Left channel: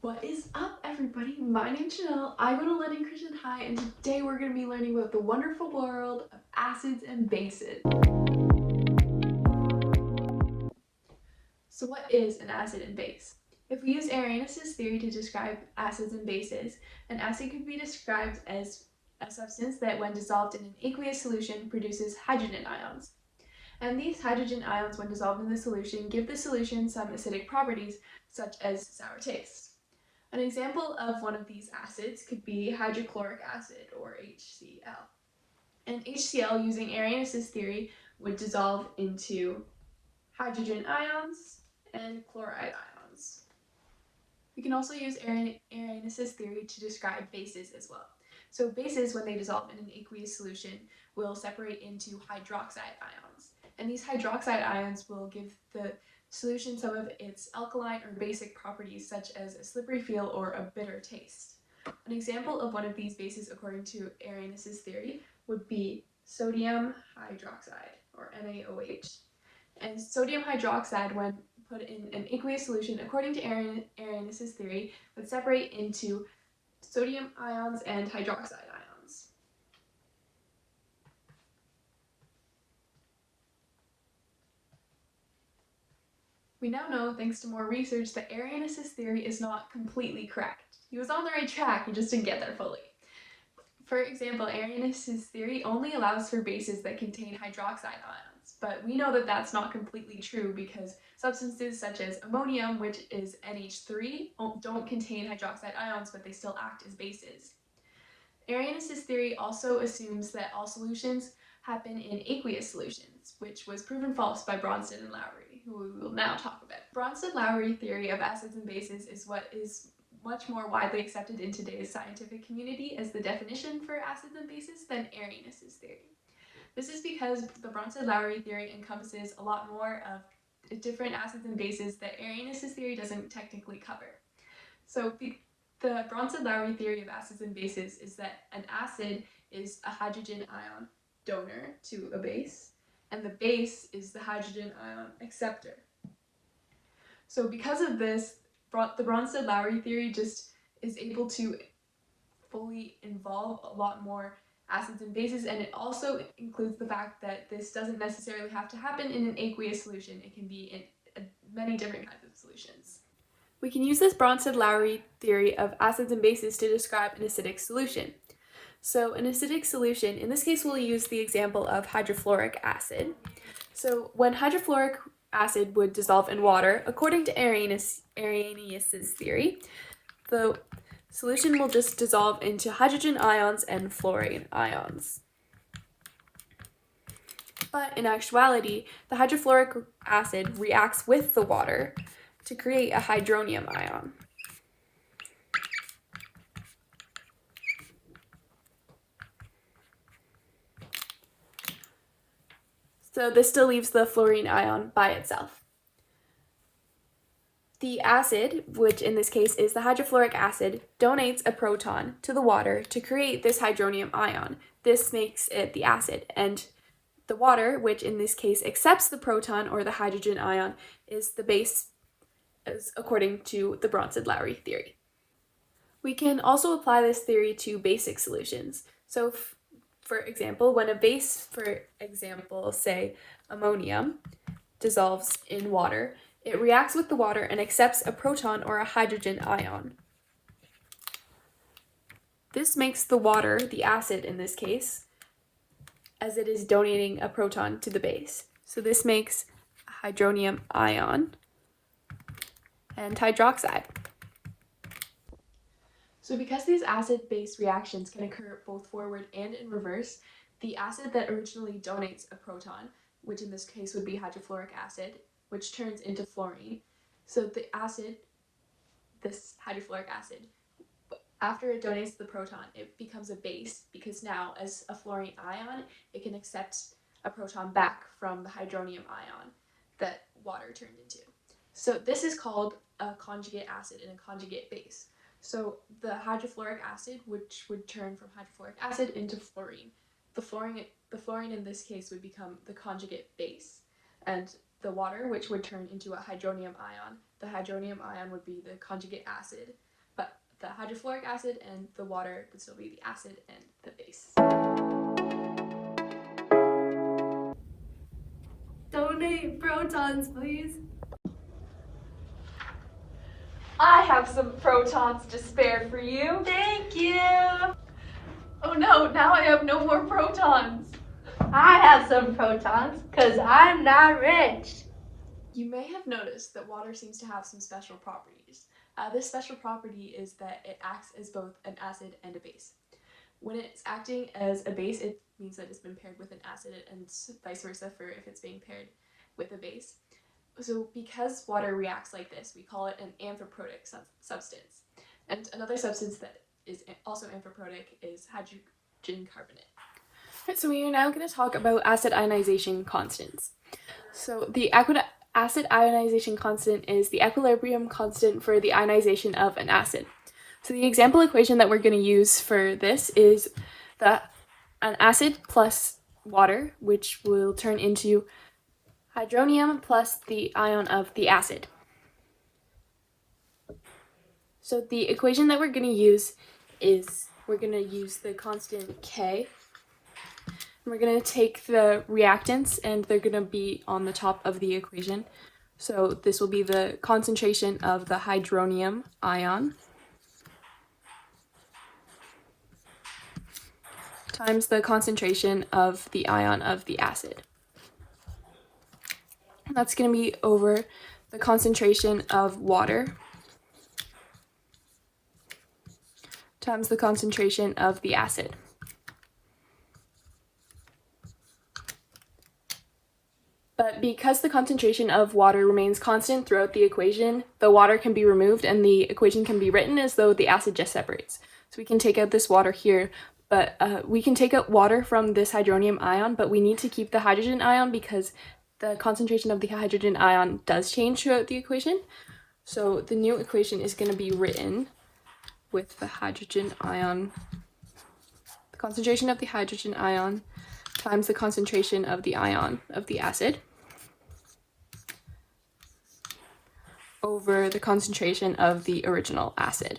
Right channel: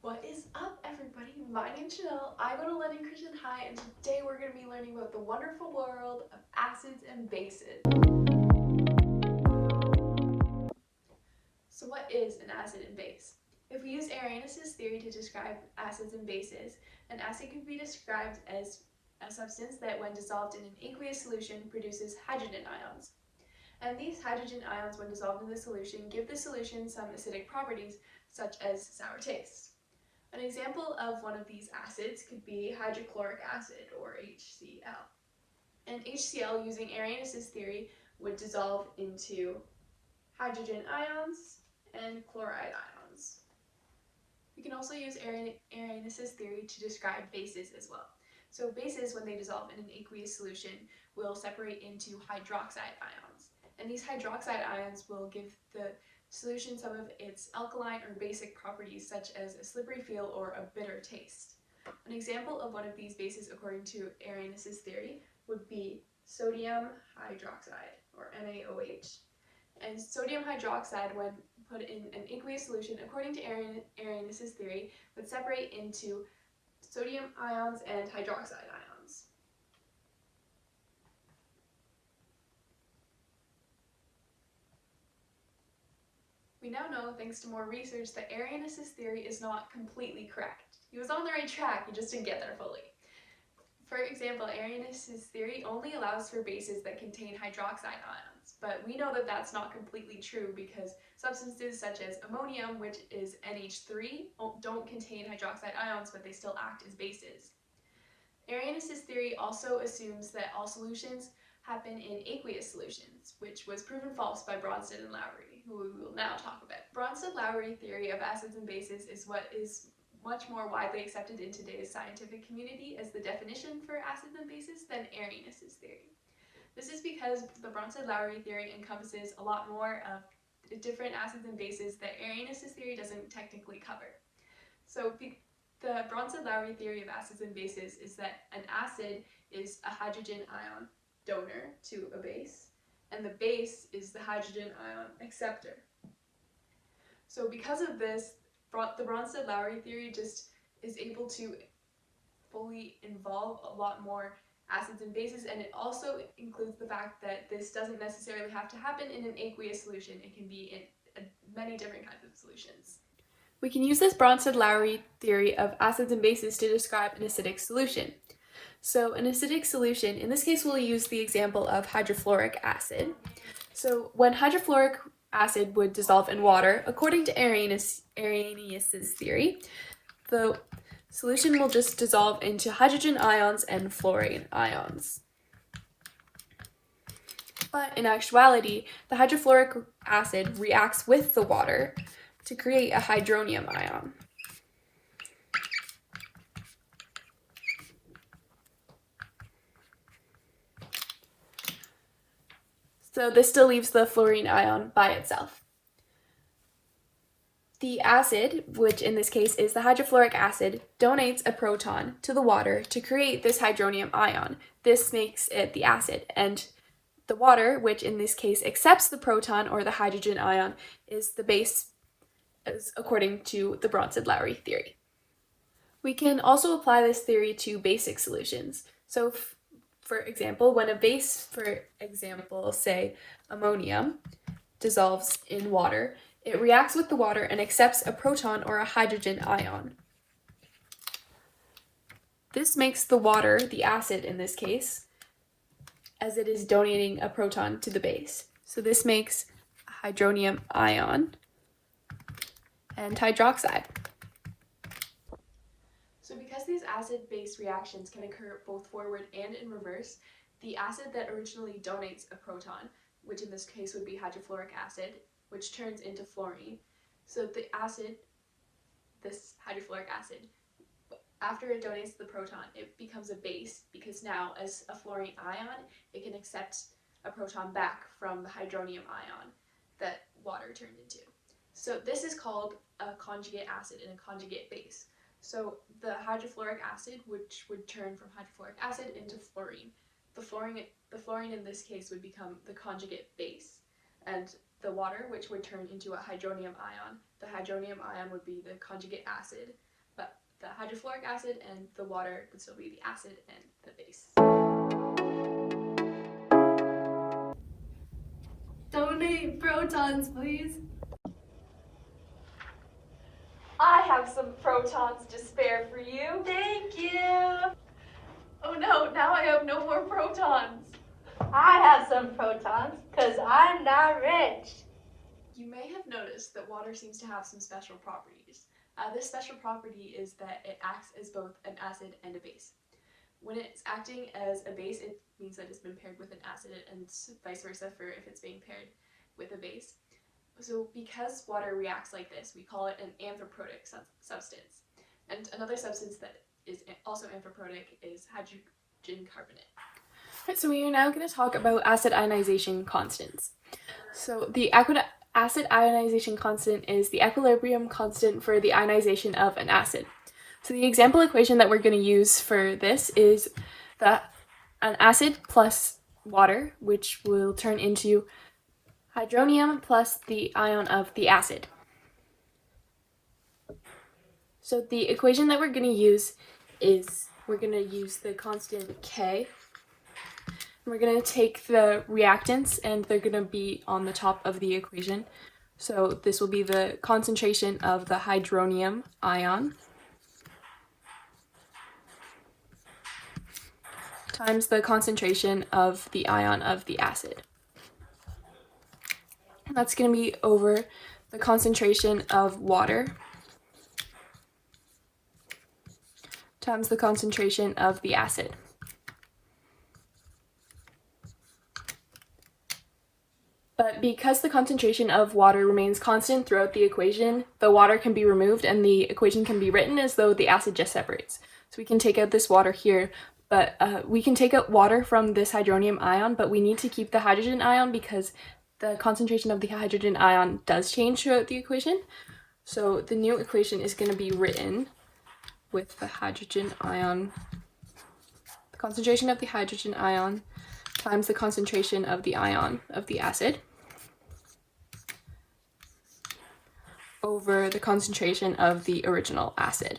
What is up, everybody? My name's Chanel. I go to London Christian High, and today we're going to be learning about the wonderful world of acids and bases. So what is an acid and base? If we use Arrhenius' theory to describe acids and bases, an acid could be described as a substance that, when dissolved in an aqueous solution, produces hydrogen ions. And these hydrogen ions, when dissolved in the solution, give the solution some acidic properties, such as sour taste. An example of one of these acids could be hydrochloric acid, or HCl. And HCl, using Arrhenius' theory, would dissolve into hydrogen ions and chloride ions. We can also use Arrhenius' theory to describe bases as well. So bases, when they dissolve in an aqueous solution, will separate into hydroxide ions. And these hydroxide ions will give the solution some of its alkaline or basic properties, such as a slippery feel or a bitter taste. An example of one of these bases, according to Arrhenius' theory, would be sodium hydroxide, or NaOH. And sodium hydroxide, when put in an aqueous solution, according to Arrhenius' theory, would separate into sodium ions and hydroxide ions. We now know, thanks to more research, that Arrhenius' theory is not completely correct. He was on the right track, he just didn't get there fully. For example, Arrhenius' theory only allows for bases that contain hydroxide ions, but we know that that's not completely true because substances such as ammonium, which is NH3, don't contain hydroxide ions, but they still act as bases. Arrhenius' theory also assumes that all solutions happen in aqueous solutions, which was proven false by Bronsted and Lowry, who we will now talk about. Bronsted-Lowry theory of acids and bases is what is much more widely accepted in today's scientific community as the definition for acids and bases than Arrhenius' theory. This is because the Bronsted-Lowry theory encompasses a lot more of different acids and bases that Arrhenius' theory doesn't technically cover. So the Bronsted-Lowry theory of acids and bases is that an acid is a hydrogen ion donor to a base, and the base is the hydrogen ion acceptor. So because of this, the Bronsted-Lowry theory just is able to fully involve a lot more acids and bases, and it also includes the fact that this doesn't necessarily have to happen in an aqueous solution. It can be in many different kinds of solutions. We can use this Bronsted-Lowry theory of acids and bases to describe an acidic solution. So an acidic solution, in this case we'll use the example of hydrofluoric acid. So when hydrofluoric acid would dissolve in water, according to Arrhenius' theory, the solution will just dissolve into hydrogen ions and fluorine ions. But in actuality, the hydrofluoric acid reacts with the water to create a hydronium ion. So this still leaves the fluorine ion by itself. The acid, which in this case is the hydrofluoric acid, donates a proton to the water to create this hydronium ion. This makes it the acid, and the water, which in this case accepts the proton or the hydrogen ion, is the base, as according to the Bronsted-Lowry theory. We can also apply this theory to basic solutions. So for example, when a base, for example, say ammonium, dissolves in water, it reacts with the water and accepts a proton or a hydrogen ion. This makes the water the acid in this case, as it is donating a proton to the base. So this makes a hydronium ion and hydroxide. So because these acid-base reactions can occur both forward and in reverse, the acid that originally donates a proton, which in this case would be hydrofluoric acid, which turns into fluorine. So the acid, this hydrofluoric acid, after it donates the proton, it becomes a base because now, as a fluorine ion, it can accept a proton back from the hydronium ion that water turned into. So this is called a conjugate acid and a conjugate base. So the hydrofluoric acid, which would turn from hydrofluoric acid into fluorine. The fluorine in this case would become the conjugate base, and the water, which would turn into a hydronium ion. The hydronium ion would be the conjugate acid, but the hydrofluoric acid and the water would still be the acid and the base. Donate protons, please. I have some protons to spare for you. Thank you. Oh no, now I have no more protons. I have some protons because I'm not rich. You may have noticed that water seems to have some special properties. This special property is that it acts as both an acid and a base. When it's acting as a base, it means that it's been paired with an acid, and vice versa for if it's being paired with a base. So because water reacts like this, we call it an amphiprotic substance. And another substance that is also amphiprotic is hydrogen carbonate. So we are now going to talk about acid ionization constants. So the acid ionization constant is the equilibrium constant for the ionization of an acid. So the example equation that we're going to use for this is an acid plus water, which will turn into hydronium plus the ion of the acid. So the equation that we're going to use is, we're going to use the constant K. We're going to take the reactants and they're going to be on the top of the equation. So this will be the concentration of the hydronium ion times the concentration of the ion of the acid. That's going to be over the concentration of water times the concentration of the acid. But because the concentration of water remains constant throughout the equation, the water can be removed and the equation can be written as though the acid just separates. So we can take out this water here, but we can take out water from this hydronium ion, but we need to keep the hydrogen ion because the concentration of the hydrogen ion does change throughout the equation. So the new equation is going to be written with the hydrogen ion, the concentration of the hydrogen ion times the concentration of the ion of the acid over the concentration of the original acid.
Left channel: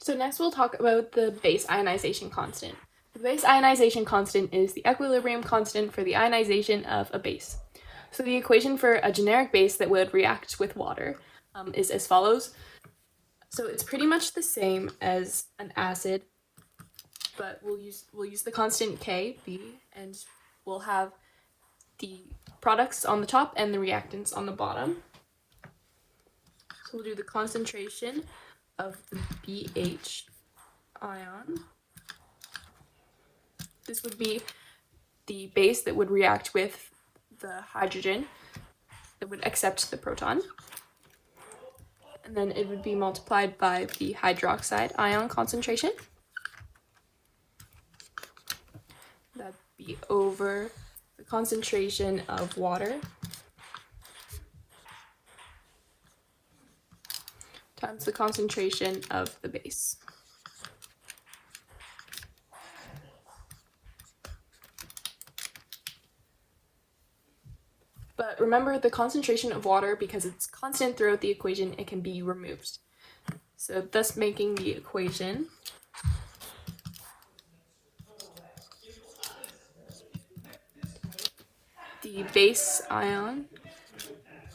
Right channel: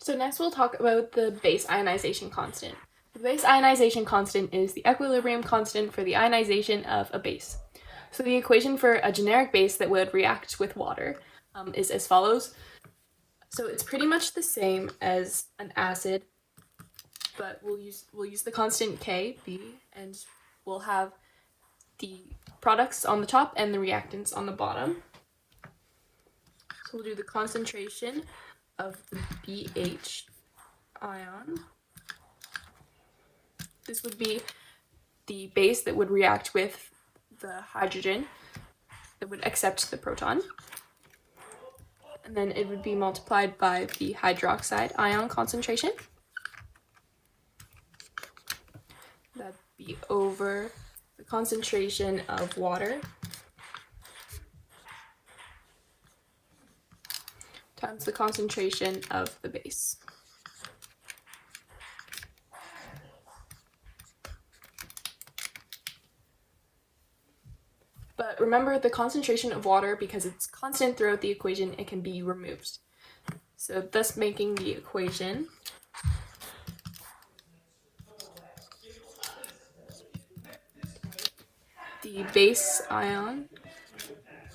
So next we'll talk about the base ionization constant. The base ionization constant is the equilibrium constant for the ionization of a base. So the equation for a generic base that would react with water is as follows. So it's pretty much the same as an acid, but we'll use the constant K, B, and we'll have the products on the top and the reactants on the bottom. So we'll do the concentration of the BH ion. This would be the base that would react with the hydrogen that would accept the proton. And then it would be multiplied by the hydroxide ion concentration. That'd be over the concentration of water times the concentration of the base. But remember, the concentration of water, because it's constant throughout the equation, it can be removed. So thus making the equation the base ion,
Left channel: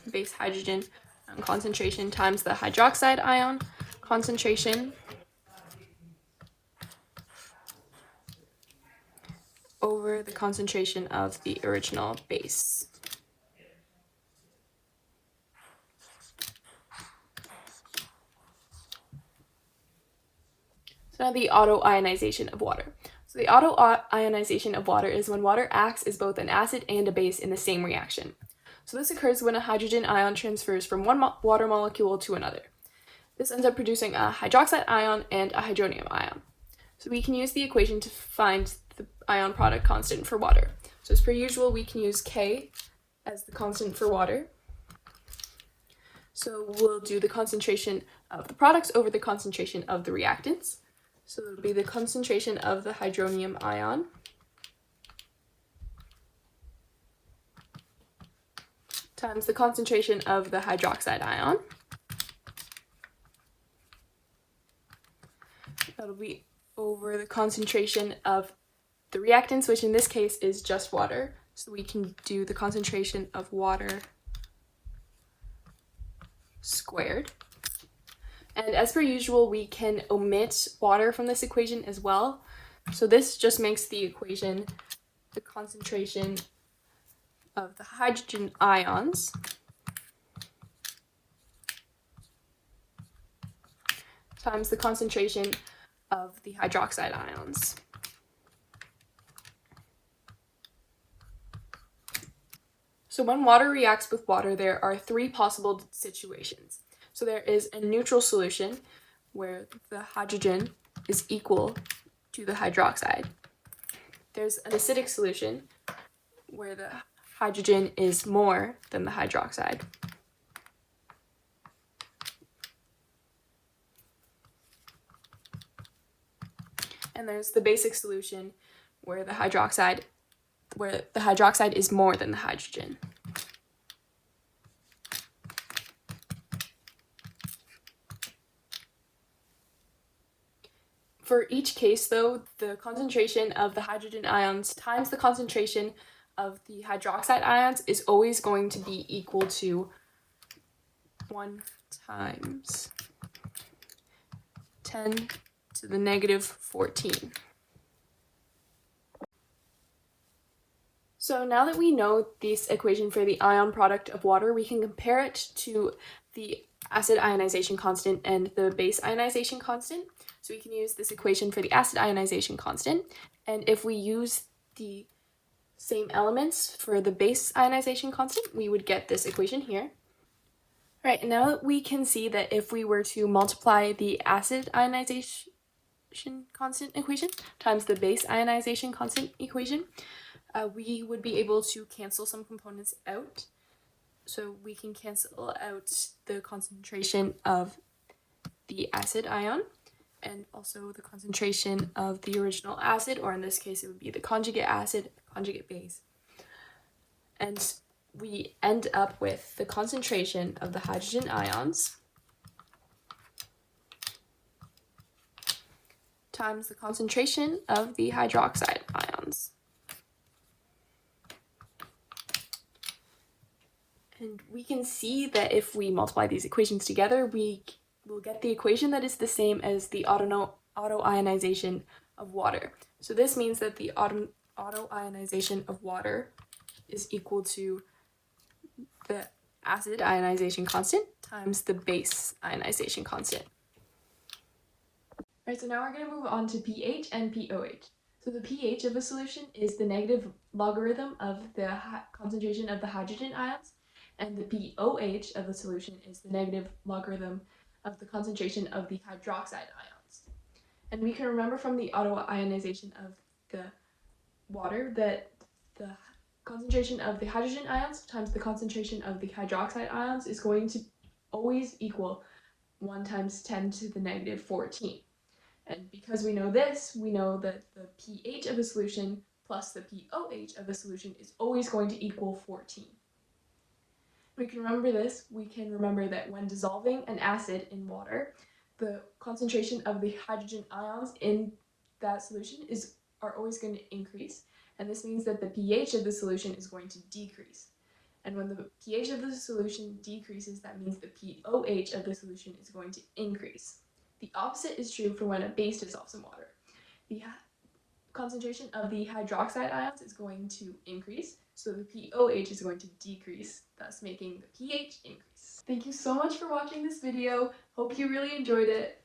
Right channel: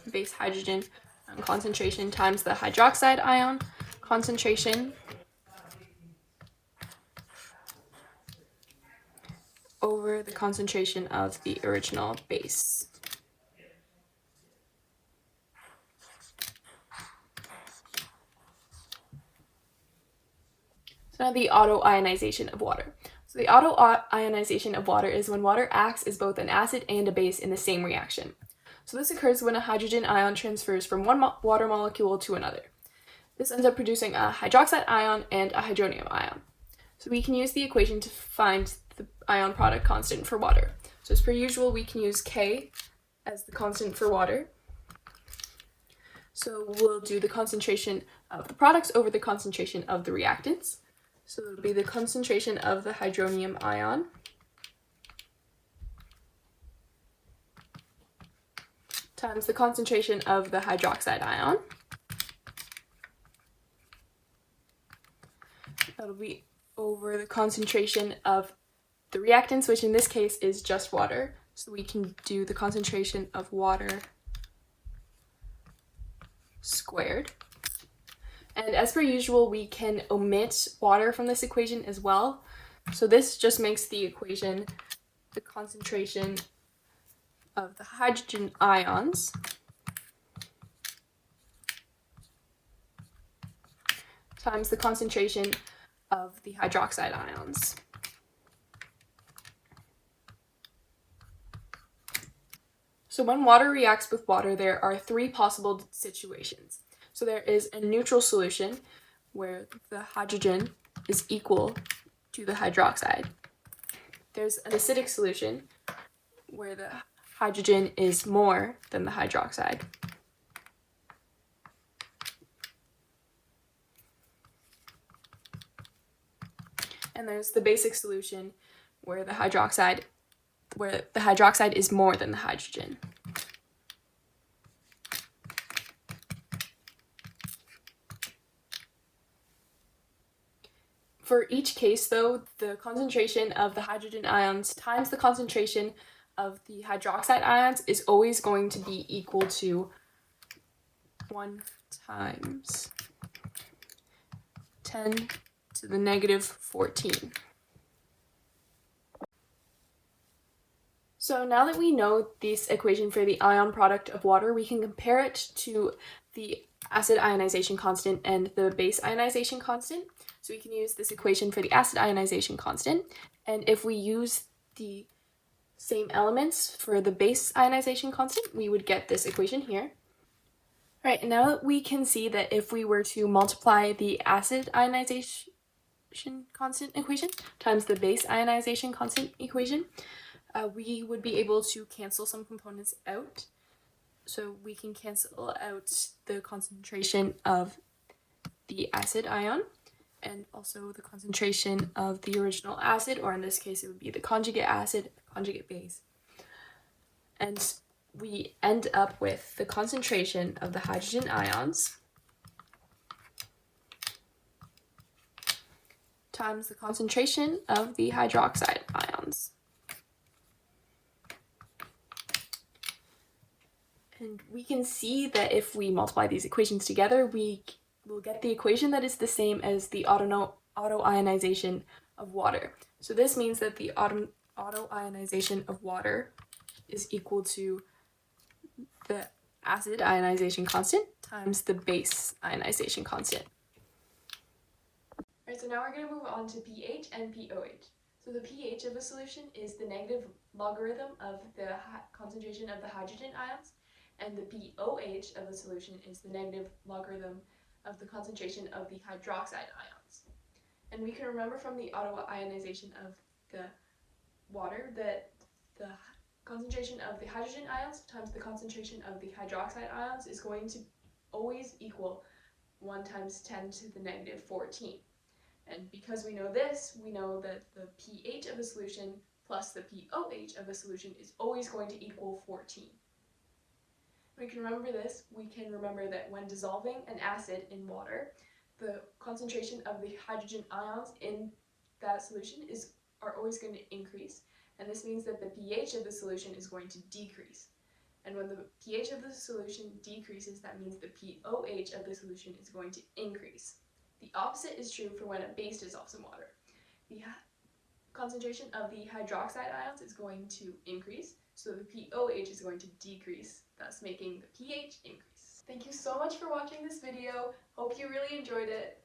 base hydrogen concentration times the hydroxide ion concentration over the concentration of the original base. So now the autoionization of water. So the autoionization of water is when water acts as both an acid and a base in the same reaction. So this occurs when a hydrogen ion transfers from one water molecule to another. This ends up producing a hydroxide ion and a hydronium ion. So we can use the equation to find the ion product constant for water. So as per usual, we can use K as the constant for water. So we'll do the concentration of the products over the concentration of the reactants. So it would be the concentration of the hydronium ion times the concentration of the hydroxide ion. That'll be over the concentration of the reactants, which in this case is just water. So we can do the concentration of water squared. And as per usual, we can omit water from this equation as well. So this just makes the equation the concentration of the hydrogen ions times the concentration of the hydroxide ions. So when water reacts with water, there are three possible situations. So there is a neutral solution where the hydrogen is equal to the hydroxide. There's an acidic solution where the hydrogen is more than the hydroxide. And there's the basic solution where the hydroxide is more than the hydrogen. For each case, though, the concentration of the hydrogen ions times the concentration of the hydroxide ions is always going to be equal to 1 times 10 to the negative 14. So now that we know this equation for the ion product of water, we can compare it to the acid ionization constant and the base ionization constant. So we can use this equation for the acid ionization constant, and if we use the same elements for the base ionization constant, we would get this equation here. Right, and now we can see that if we were to multiply the acid ionization constant equation times the base ionization constant equation, we would be able to cancel some components out. So we can cancel out the concentration of the acid ion and also the concentration of the original acid, or in this case it would be the conjugate acid, conjugate base. And we end up with the concentration of the hydrogen ions times the concentration of the hydroxide ions. And we can see that if we multiply these equations together, we will get the equation that is the same as the autoionization of water. So this means that the autoionization of water is equal to the acid ionization constant times the base ionization constant. Alright, so now we're going to move on to pH and pOH. So the pH of a solution is the negative logarithm of the concentration of the hydrogen ions, and the pOH of the solution is the negative logarithm of the concentration of the hydroxide ions. And we can remember from the autoionization of the water that the concentration of the hydrogen ions times the concentration of the hydroxide ions is going to always equal 1 times 10 to the negative 14. And because we know this, we know that the pH of a solution plus the pOH of a solution is always going to equal 14. We can remember this. We can remember that when dissolving an acid in water, the concentration of the hydrogen ions in that solution are always going to increase, and this means that the pH of the solution is going to decrease. And when the pH of the solution decreases, that means the pOH of the solution is going to increase. The opposite is true for when a base dissolves in water. The concentration of the hydroxide ions is going to increase, so the pOH is going to decrease, thus making the pH increase. Thank you so much for watching this video. Hope you really enjoyed it.